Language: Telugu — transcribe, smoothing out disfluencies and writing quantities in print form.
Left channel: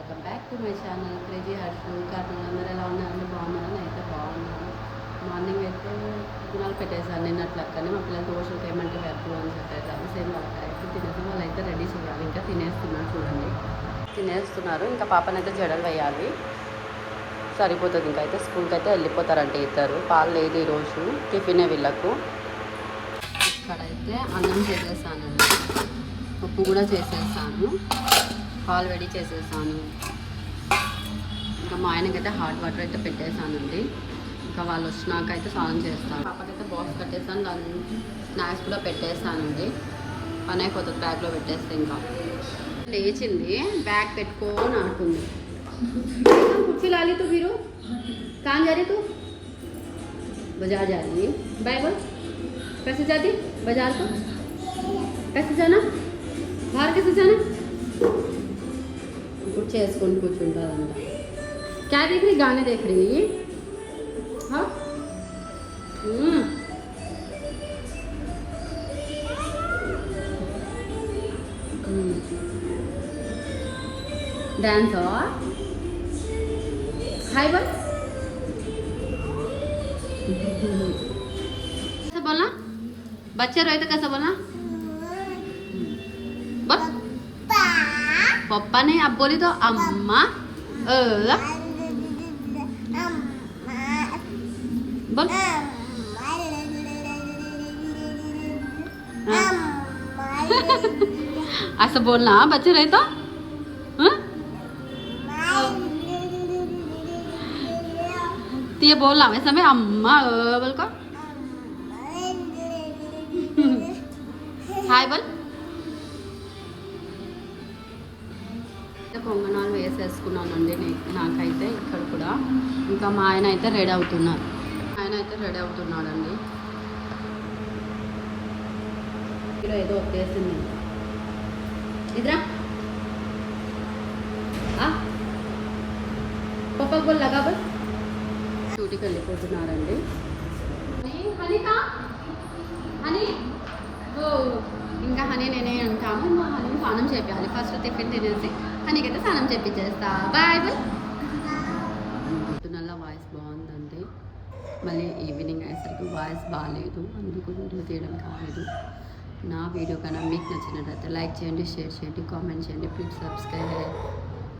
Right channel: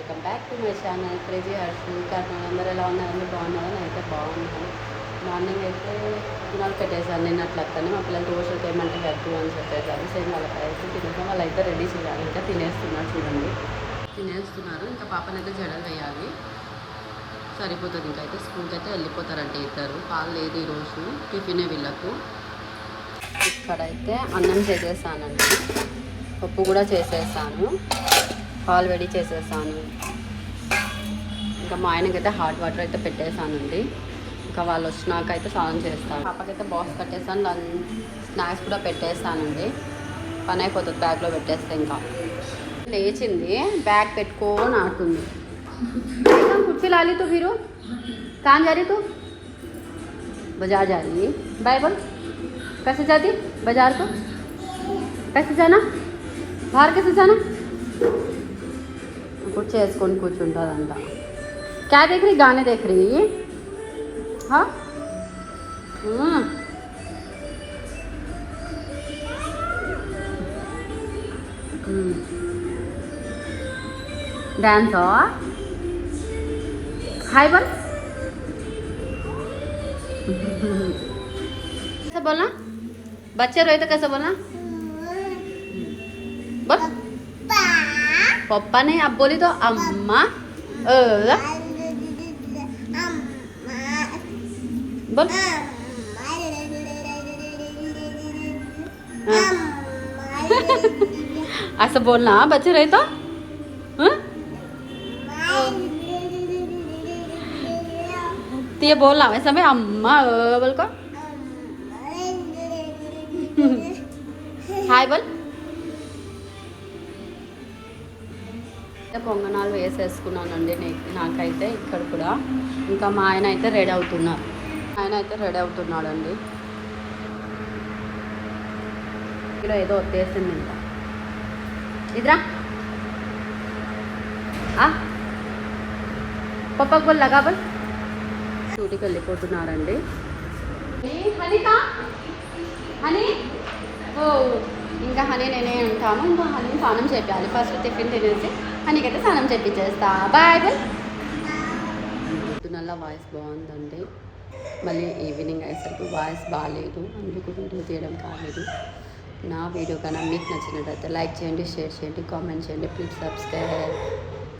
Welcome back to my channel crazy Harshu. కారణం అందరూ ఎలా ఉన్నారండి? బాగున్నారా? నేనైతే బాగున్నాను. మార్నింగ్ అయితే పుట్టినాలు పెట్టేశాను నేను అట్లక్కని. మా పిల్లలు దోశలు ఏమంటే వద్దు అని చెప్పేసారు. సేమ్ వాళ్ళకైతే తినేసాం. వాళ్ళైతే రెడీ చేయాలి. ఇంకా తినేస్తున్నారు చూడండి, తినేస్తున్నారు. ఇంకా పాపనైతే జడలు వేయాలి, సరిపోతుంది. ఇంకా అయితే స్కూల్కి అయితే వెళ్ళిపోతారంటే ఇద్దరు. పాలు లేదు ఈరోజు, టిఫినే వీళ్ళకు. ఇక్కడైతే అన్నం చేసేసానండి, పప్పు కూడా చేసేసాను, పాలు వేడి చేసేసాను. ఇంకా మా ఆయనకైతే హాట్ వాటర్ అయితే పెట్టేశానండి. ఇంకా వాళ్ళు వచ్చినాక అయితే స్నానం చేస్తాను. పాపకైతే బాక్స్ కట్టేసాను, స్నాక్స్ కూడా పెట్టేస్తానండి. పని అయిపోతుంది బ్యాగ్లో పెట్టేస్తే. ఇంకా లేచింది, బ్యాగ్ పెట్టుకొని ఆడుతుంది. कुर्सी ला ली तो फिर कहाँ जा रही तू? बाजार जा रही है. बाय बोल. कैसे जाती बाजार को? कैसे जाना? बाहर कैसे जाना? कुछ వేసుకొని కూర్చుంటారంట. क्या देख रही? गाने देख रही? हाँ. डांस हो. हाय बोल. कैसे बोलना? बच्चे रोए तो कैसे बोलना? बोल. पापा नहीं, अब बोली तो अम्मा. बोल. ऐसा बोलना बच्चे रहे तो. तो ये बोलना वैसे में अम्मा बोल को. హాయ్ బోల్. కొంగనాలు వేసేసుకున్నానండి నాకైతే ఇక్కడ కూడా. ఇంకా మా ఆయన అయితే రెడీ అవుతున్నాడండి. ఇక్కడ ఏదో వచ్చేసింది. ఇద్రా పప్పకు బోల్ లగా బోల్. డ్యూటీకి వెళ్ళిపోతున్నారండి. హనీ ఇంకా హనీ నేనే అంటాము. ఇంకా హనీ స్నానం చేయాలి. ఫస్ట్ టిఫిన్ తినేసి హనీకైతే స్నానం చేయించేస్తా. Bye bye. పొద్దునల్లా వాయిస్ బాగుందండి, మళ్ళీ ఈవినింగ్ అయ్యేసరికి వాయిస్ బాగాలేదు, అందుకు వీడియో తీయడం కాలేదు. నా వీడియో కన్నా మీకు నచ్చినట్టయితే లైక్ చేయండి, షేర్ చేయండి, కామెంట్ చేయండి. Please subscribe.